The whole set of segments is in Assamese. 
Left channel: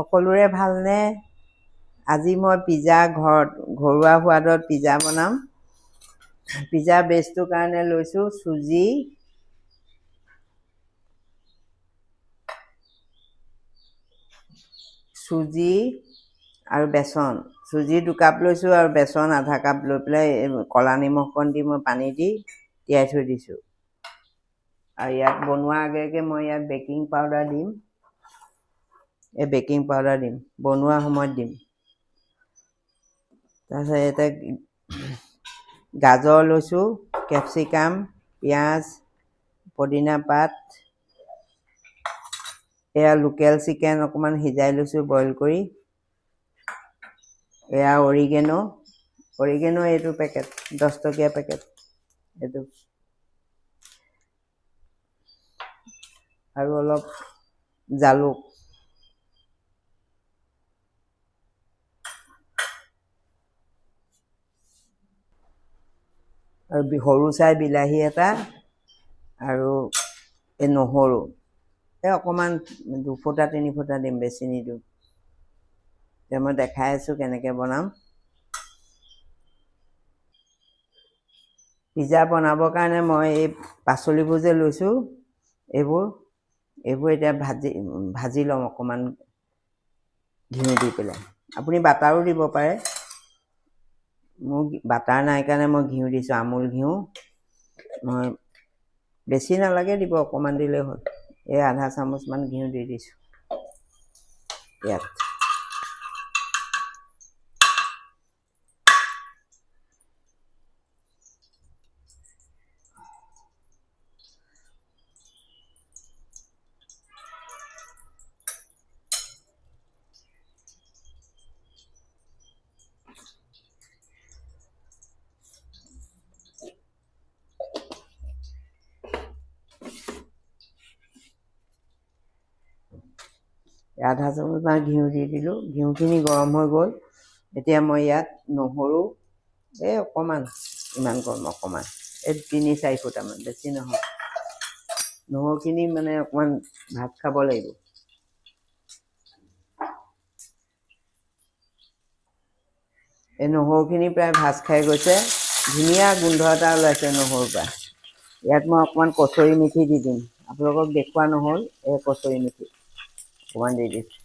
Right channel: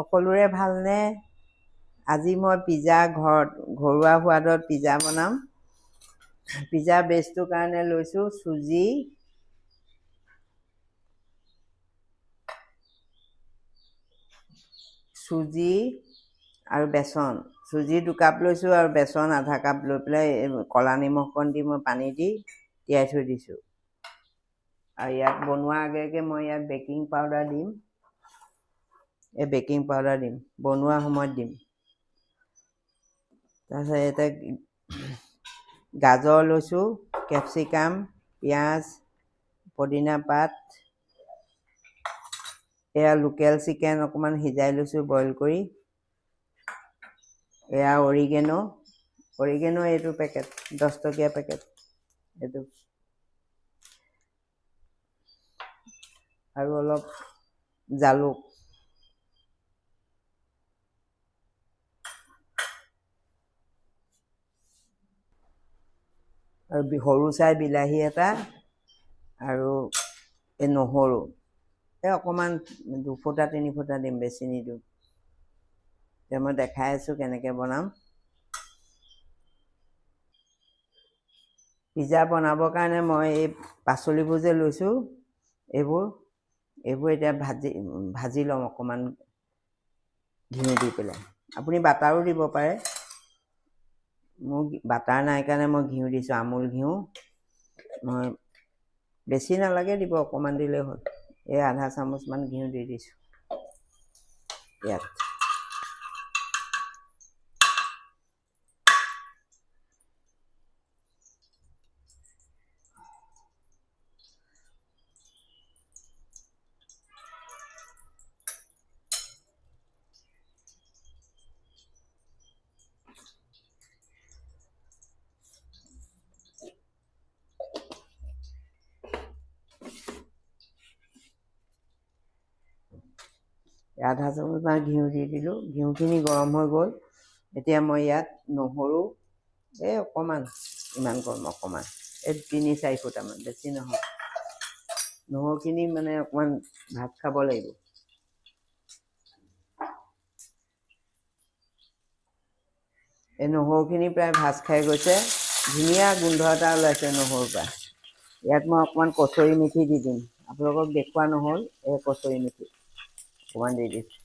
সকলোৰে ভালনে? আজি মই পিজ্জা ঘৰুৱা সোৱাদত পিজ্জা বনাম। পিজ্জা বেছটোৰ কাৰণে লৈছোঁ চুজি আৰু বেচন। চুজি 2 কাপ লৈছোঁ আৰু বেচন আধা কাপ লৈ পেলাই ক'লা নিমখ অকণ দি মই পানী দি তিয়াই থৈ দিছোঁ। আৰু ইয়াত বনোৱাৰ আগে মই ইয়াত বেকিং পাউডাৰ দিম। বেকিং পাউডাৰ দিম, বনোৱা সময়ত দিম। তাৰপিছত ইয়াতে গাজৰ লৈছোঁ, কেপচিকাম, পিঁয়াজ, পদিনা পাত, এয়া লোকেল চিকেন অকণমান সিজাই লৈছোঁ বইল কৰি। এয়া অৰিগেনো এইটো পেকেট 10 টকীয়া পেকেট এইটো, আৰু অলপ জালুক। আৰু সৰু চাই বিলাহী এটা, আৰু এই নহৰু অকণমান 2 ফুটা 3 ফুটা দিম, বেছি নিদিওঁ। এতিয়া মই দেখাই আছোঁ কেনেকৈ বনাম। পিজ্জা বনাবৰ কাৰণে মই এই পাচলিবোৰ যে লৈছোঁ, এইবোৰ এতিয়া ভাজি ল'ম অকণমান ঘিউ দি পেলাই। আপুনি বাটাৰো দিব পাৰে। মোৰ বাটাৰ নাই কাৰণে মই ঘিউ দিছোঁ, আমুল ঘিউ। মই বেছি নালাগে দিব, অকণমান দিলেই হ'ল। এই আধা চামুচমান ঘিউ দি দিছোঁ ইয়াত। আধা চামুচমান ঘিউ দি দিলোঁ। ঘিউখিনি গৰম হৈ গ'ল। এতিয়া মই ইয়াত নহৰু অকণমান, ইমান গৰম অকণমান, 3-4 ফুটামান, বেছি নহয়। নহৰুখিনি মানে অকণমান ভাত খাব লাগিব। এই নহৰুখিনি প্ৰায় ভাজ খাই গৈছে, ধুনীয়া গোন্ধ এটা ওলাইছে নহৰুৰ পৰা। ইয়াত মই অকণমান কচুৰি মেথি দি দিম। আপোনালোকক দেখুওৱা নহ'ল, এই কচুৰি মেথি অকণমান দি দিছোঁ।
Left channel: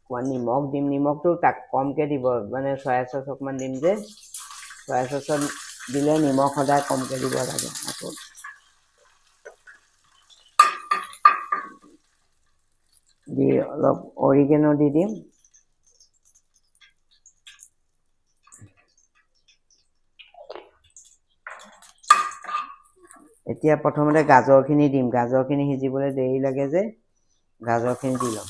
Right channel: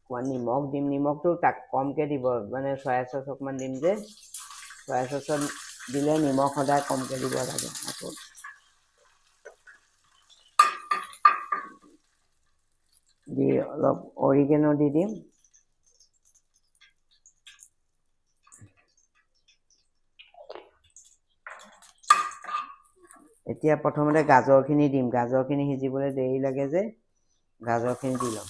অকণমান নিমখ দিম, নিমখটো কমকৈ দিব, মানে চয়া চচ অকণমান দিম যে, চয়া চচত দিলে নিমখ সদায় কমকৈ দিব লাগে। আকৌ দি অলপ অৰিগেনো দি দিম। এতিয়া প্ৰথমতে গাজৰখিনি দিম। গাজৰখিনি সিজিবলৈ দেৰি লাগে যে, গাজৰখিনি দি ল'ম।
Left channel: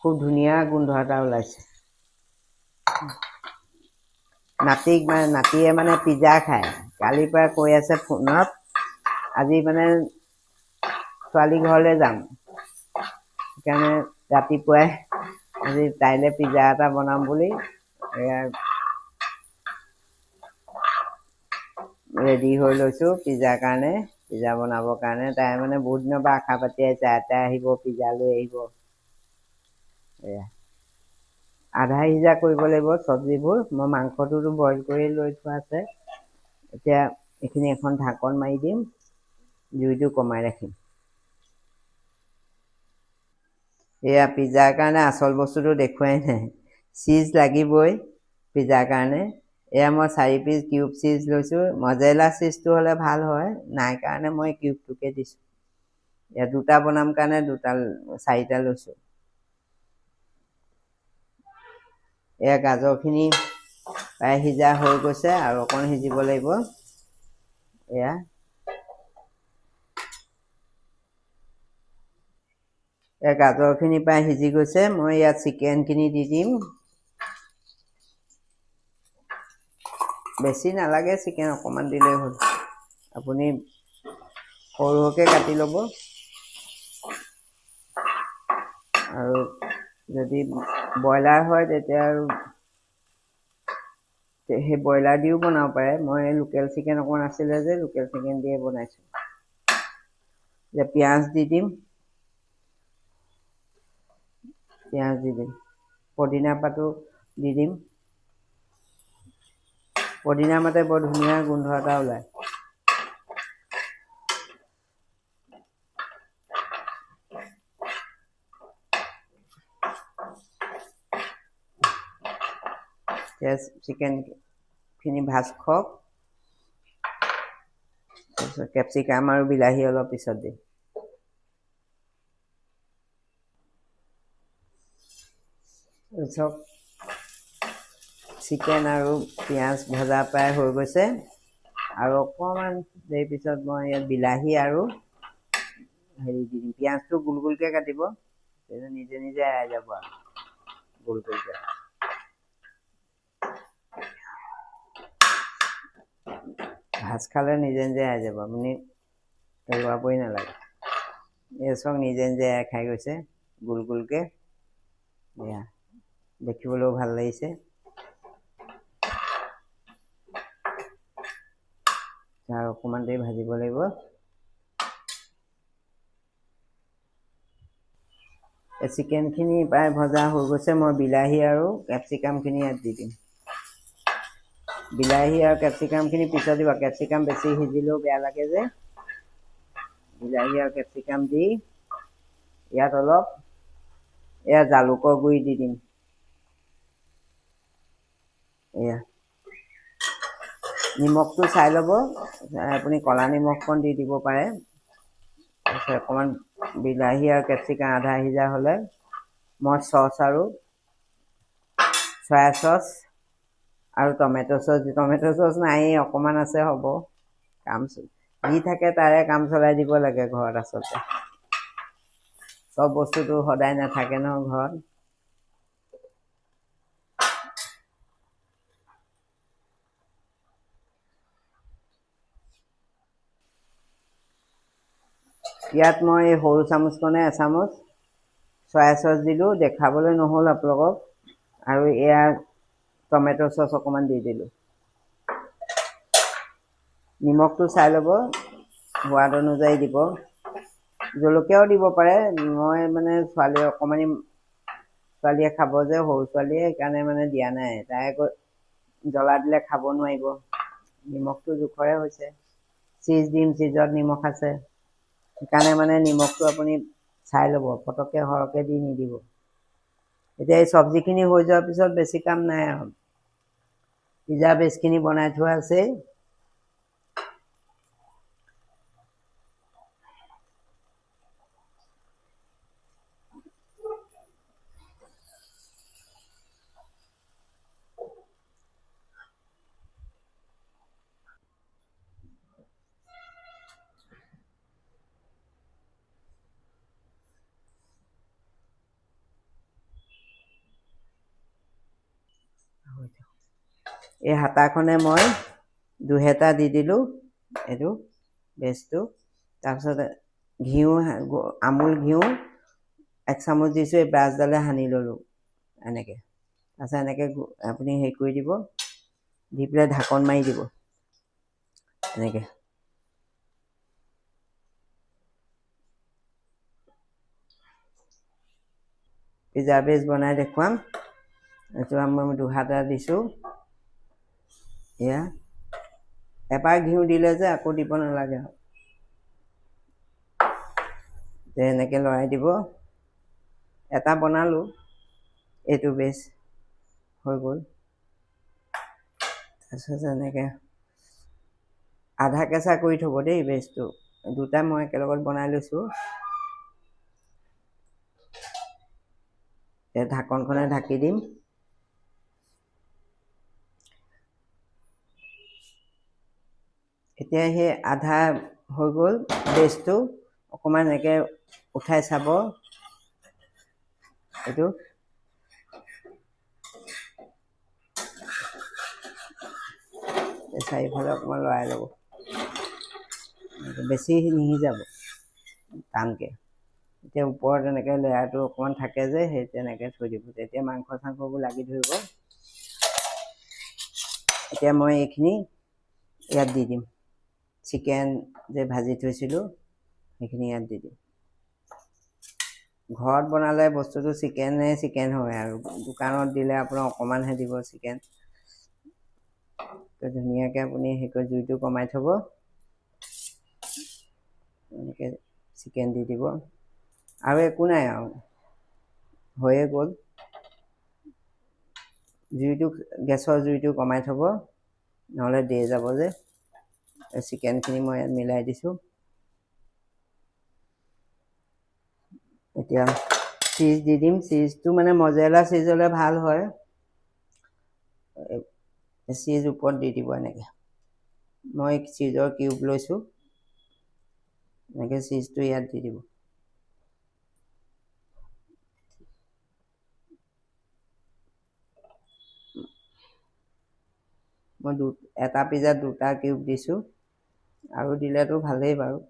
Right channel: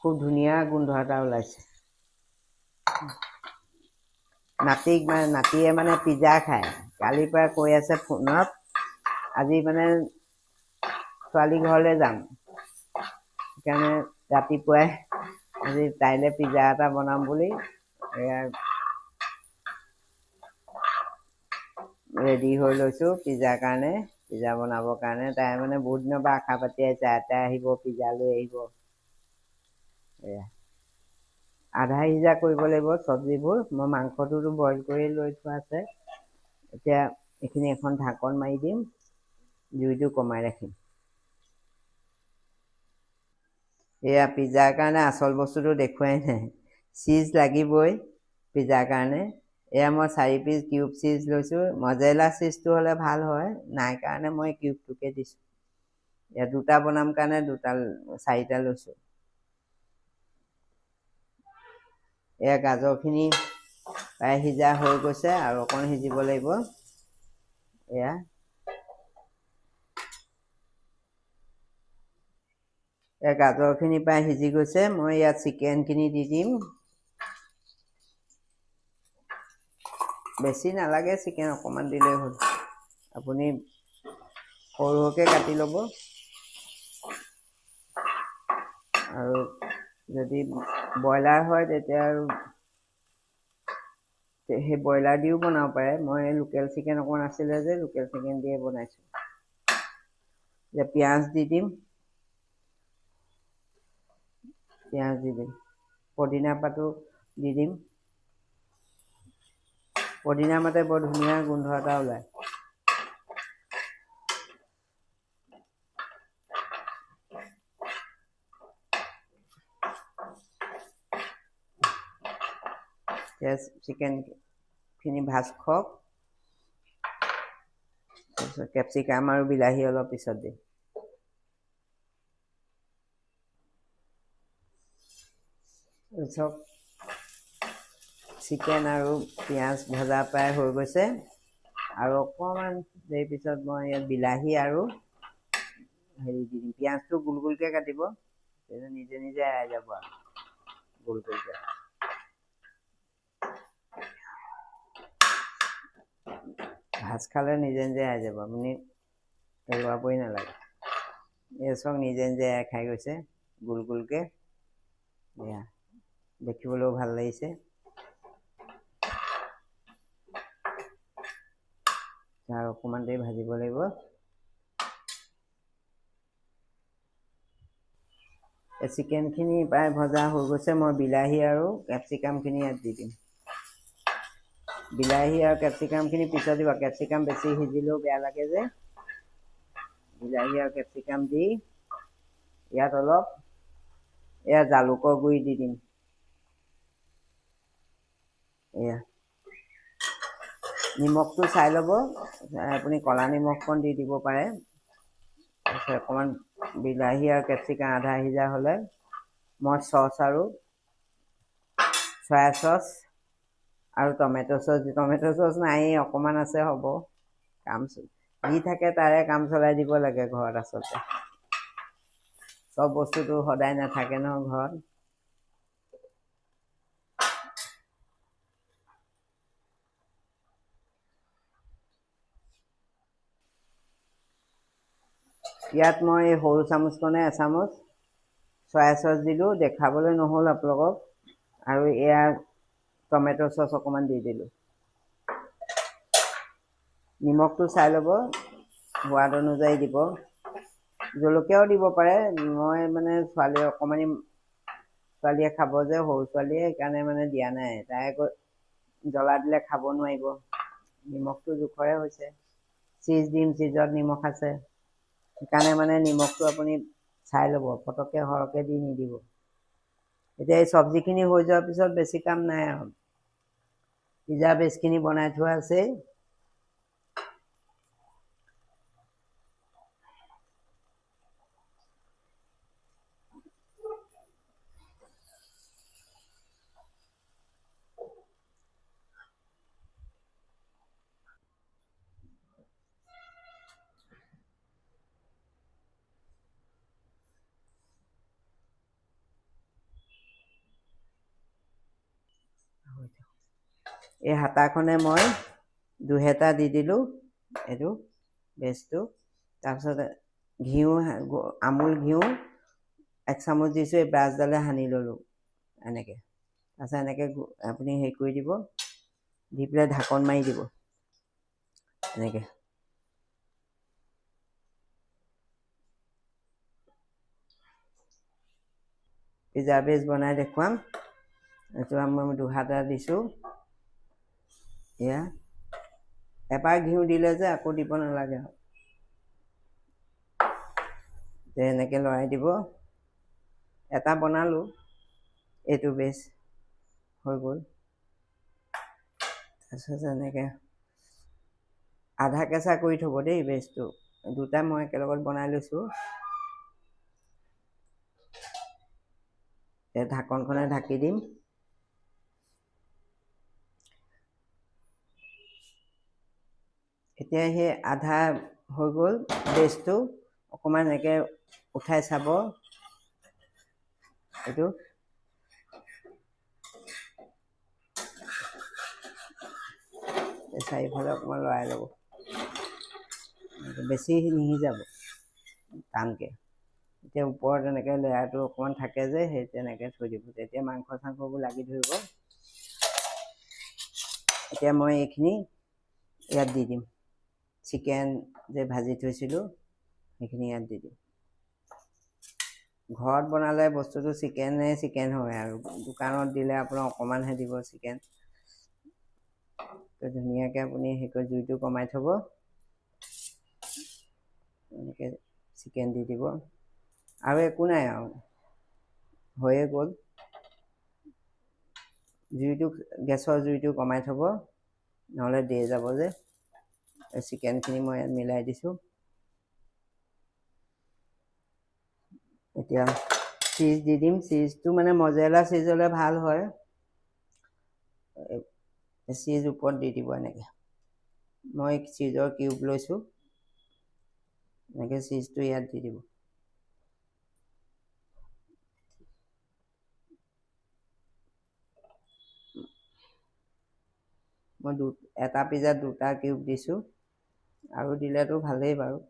খুব ধুনীয়া গোন্ধ এটা ওলাইছে। নাতিয়ে মানে পিজ্জা খায়। কালিৰ পৰা কৈ আছে ফোনত, আজি মানে ছোৱালী ঘৰলৈ যাম, সেইকাৰণে ৰাতিপুৱাই আজি তাইলৈ পিজ্জা এটা বনাম বুলি ৰেডি হৈ লৈছোঁ পিজ্জাৰ কাৰণে, পিজ্জা বনাবৰ কাৰণে। তাই মানে বহুত দিনৰ পৰা আশা পাতি আছে, আইতাই আহিব, পিজ্জা লৈ আহিব। আধা সিজা কৰিব লাগিব চব্জিবোৰ। মই মাংসটোতো বইল কৰি লৈ থোৱা আছে। এতিয়া এইখিনি এখন ঢাকন মাৰি দিম, জুইটো কমাই ৰাখিম। এয়া পিজ্জাৰ কাৰণে আচল বস্তুটো দেখুৱাই নাই, চীজ লাগিবই পিজ্জাৰ কাৰণে। এয়া মই 4 পিচ কিউব চীজ লৈছোঁ। মজেৰেলা চীজটো হ'লে ভাল হয়, নাই কাৰণে মই কিউবটোকে দিছোঁ। এয়া 2টা বনাম কাৰণে 4টা লৈছোঁ। এয়া গাজৰখিনি প্ৰায় সিজা হৈ গৈছে, আৰু অকণ সিজিব লাগিব। এয়া গাজৰখিনি প্ৰায় সিজি গৈছে। মই ইয়াত চিকেনখিনি দি দিম। বেছি নালাগে চিকেন, অকণমান দিলেই হ'ল। আপুনি সৰু সৰুকৈ কাটি ল'ব। আৰু যদি ব্ৰইলাৰ হয় তেতিয়া আৰু সেই ব্ৰইলাৰ দিও বনাব পাৰে। মই লোকেল চিকেন অকণমান আছিলে যে লোকেল চিকেন দিয়ে বনাইছোঁ। এতিয়া পিঁয়াজ দি দিম, পদিনা পাতো দি দিম। পদিনা মাতে বৰ ধুনীয়া গোন্ধ এটা ওলায়। চিকেনখিনি ভাজ খওক, তাৰপিছত কেপচিকাম আৰু বিলাহী অলপ পিছত দিম। চব চিকেন আৰু পিঁয়াজ ভজা প্ৰায় হৈ গৈছে, আৰু অকণমান দেৰি পিছত মই ইয়াত বিলাহী আৰু হেৰি দি দিম। পিঁয়াজটো গোল গোলকৈ কাটিব, নিজে নিজে এৰাই যাব আৰু গোল গোলকৈ। ভাজ খালে নিজে নিজে এৰাই যাব, আপুনি লৰাবই নালাগে। এই চব নিজে নিজে এৰাই খাই গৈছে গোল গোলকৈ। এয়া দেখিবলৈও ভাল লাগিছে। আৰু অকণমান দেৰি ভাজিব লাগিব। এই চিকেনখিনি প্ৰায় ভজা হৈ গৈছে। মই বিলাহী আৰু কেপচিকামখিনি ইয়াত দি দিম। বিলাহী আৰু কেপচিকামখিনি পিছত দিব, কেপচিকাম বেছি সিজিলেও বেয়া লাগে যে। বিলাহী আৰু কেপচিকাম দি ইয়াত অলপ এয়া জালুকৰ গুড়ি দি দিম। এয়া নিমখটো চাই ল'ব, আপুনি ক'লা নিমখকণ দি দিব পাৰে। তাৰপিছত অকণমান বিলাহী আৰু কেপচিকাম আধা সিজা হ'লে মই চচ আৰু চয়া চচ আৰু টমেট' চচ নায়েই, অকণমান আছে হ'ব। যি থাকে তাৰে কাম চলাই দিব লাগে ঘৰত। আচলতে চব বস্তুটো সদায় নাথাকে ন ঘৰত। ইয়াত মই সৰু চামুচখনে এচামুচ চয়া চচ দিলোঁ, দেখাবলৈ নহ'ল আপোনালোকক। আৰু এয়া টমেট' চচ অকণমান দি দিলোঁ। নিমখটো চাই ল'ব, সোৱাদ অনুযায়ী দিব। জলকীয়াও দিব পাৰে। মই মানে ছোৱালীয়ে খাব যে, সৰু ছোৱালীয়ে, সেইকাৰণে মানে দিয়া নাই। তাই আকৌ জ্বলা দিলে খাব নোৱাৰিব। নিমখটো জোখৰে হৈছে। চীজ দিম, চীজত নিমখ আছে। সেইকাৰণে মানে নিমখটো আপুনি চাই ল'ব, পটককৈ সৰহকৈ দি নিদিব। এতিয়া এই চব্জিখিনি হৈ যোৱাৰ পিছত বেছি কাম নাই আৰু। পিজ্জা বেছখিনি বনাই থোৱা আছে। এই হাতাখনে মই 2 দি দিলোঁ, এইটো বেছটো। তাৰপিছত আমুল ঘিউ 1 চামুচ দিছোঁ। এই ব্ৰাছডালে সানি ল'লোঁ এনেকৈ। তাৰপিছত এনেকৈ আপুনি হেৰি কৰি দিব, দি পেলাই ঢাকন মাৰি দিব এনেকৈ। পিজ্জা বেছ বনাই দেখুৱাম। এইটো মই 2 দিছোঁ। এয়া এবাৰ ঘিউ দিলে যে আকৌ দিব নালাগে আৰু। এনেকৈ লৰাই দিব। এটা বনালোঁ, এইটো বেছ হৈ গ'ল। তাৰপিছত এনেকৈ আধা কেঁচা কৰি থ'ব দেই বেছটো। 2টা মই একেলগত বনাই লৈছোঁ। ঢাকনখনে ঢাকি দিম। এতিয়া সেই আধা হৈ গ'ল বেছটো। অকণমান এনেকৈ উঠাই চাব এইটো। চাৰিওফালে অকণমান লৰাই ল'ব, বেছি নিসিজাব টানকৈ। এতিয়া ওপৰত এনেকৈ লেয়াৰটো অকণমান থাকে যে, সেই তেনেকৈ থৈ দিব। তেতিয়া মাংস চাংসবোৰ লাগি ধৰিব। এতিয়া মই এইখিনি ইয়াত দি দিম। চিকেন যে ভাজি থৈছিলোঁ সেইখিনি ইয়াত দি দিম। ঘৰত বনালে বস্তুটো চিকেন হয় আৰু দোকানত দিলে আপোনাৰ অকণমানহে দিব চিকেন। তো ধুনীয়াকৈ আপুনি জুইটো কমাই থ'ব, এনেকৈ চিকেন দি দিব আৰু একো নাই আৰু হৈয়ে গ'ল। গেছৰ জুইটো কমাই থ'ব, নহ'লে দেই যাব যে। চিকেনখিনি মই ইয়াত মিলাই দিছোঁ। এতিয়া চীজ দি দিম। চীজটো মানে মজেৰেলা চীজ হ'লে ভাল হয়। চীজ ওপৰত দি দিব এনেকৈ। মই চীজৰ কিউব লৈছোঁ, এনেকৈ চীজটো ইয়াত দি দিব। মই এটা পিজ্জাত 2টা কিউব দিছোঁ, আৰু দিলেতো ভালেই বাৰু।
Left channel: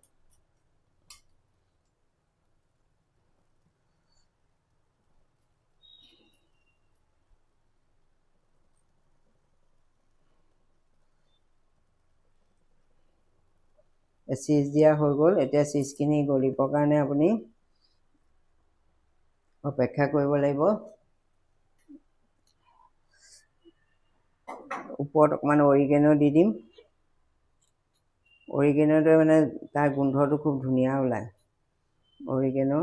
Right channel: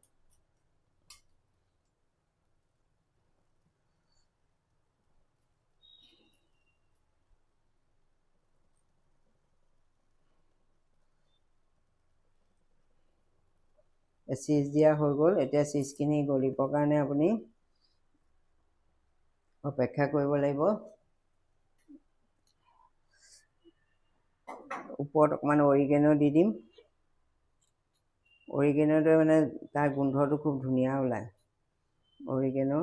চীজ দিয়া হৈ গ'ল। এতিয়া চীজখিনি গলিবৰ কাৰণে আপুনি অপেক্ষা কৰিব লাগিব। ওপৰত অকণমান অৰিগেনো দি দিম। অৰিগেনোটোৱে মানে তাৰ গোন্ধটো খুব ধুনীয়া ওলায়। অৰিগেনো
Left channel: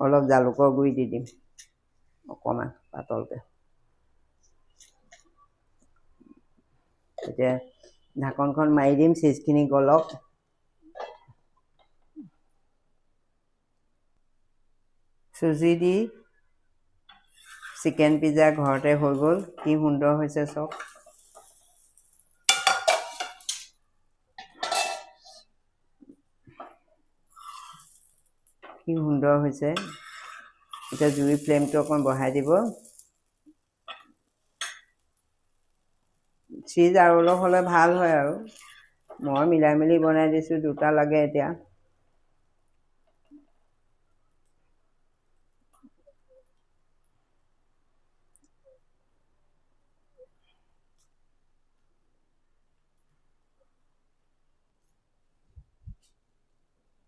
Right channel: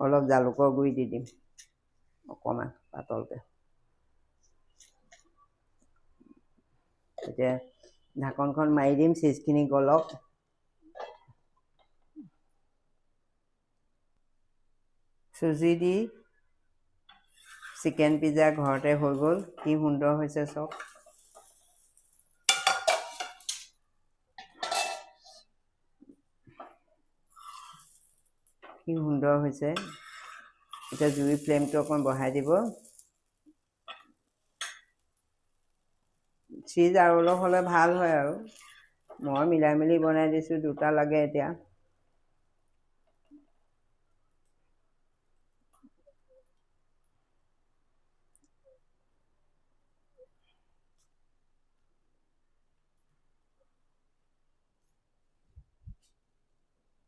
অলপ জালুকৰ গুড়ি দি দিম, অকণমান পাতলকৈ। এতিয়া ঢাকনখন মাৰি দিম, চীজখিনি গলক। চুজি দি চিকেন পিজ্জা ঘৰতে হৈ গ'ল। কি সুন্দৰ হৈছে চাওক। কি সুন্দৰ হৈছে। এতিয়া জুইৰ ফ্লেমটো অকণ বঢ়াই দিব। চীজ আৰু অলপ হ'লে ভাল হয় আৰু মই মিলাই মেলি বনাই দিছোঁ। 2টা লাগে এতিয়া।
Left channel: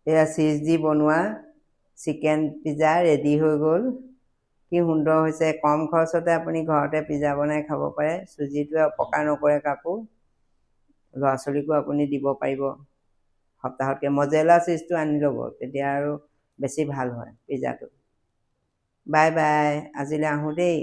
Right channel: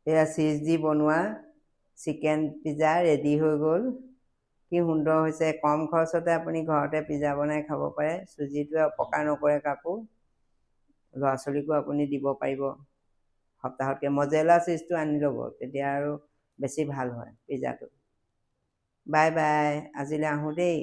এয়া চীজ দি বনোৱা চিকেন পিজ্জা ৰেডি হৈ গ'ল। কি সুন্দৰ হৈছে। কম খৰচতে আপুনি ঘৰতে পিজ্জা বনাই খাব পাৰে। চুজিটোৱে অপকাৰ নকৰে কাকো। ল'ৰা ছোৱালীকো আপুনি দিব পাৰিব সপ্তাহতকৈ। মজেৰেলা চীজটো আনি ল'ব, তেতিয়া আৰু বেছি ভাল হয় পিজ্জাটো। বাই বাই, আজিলৈ আহোঁ দেই।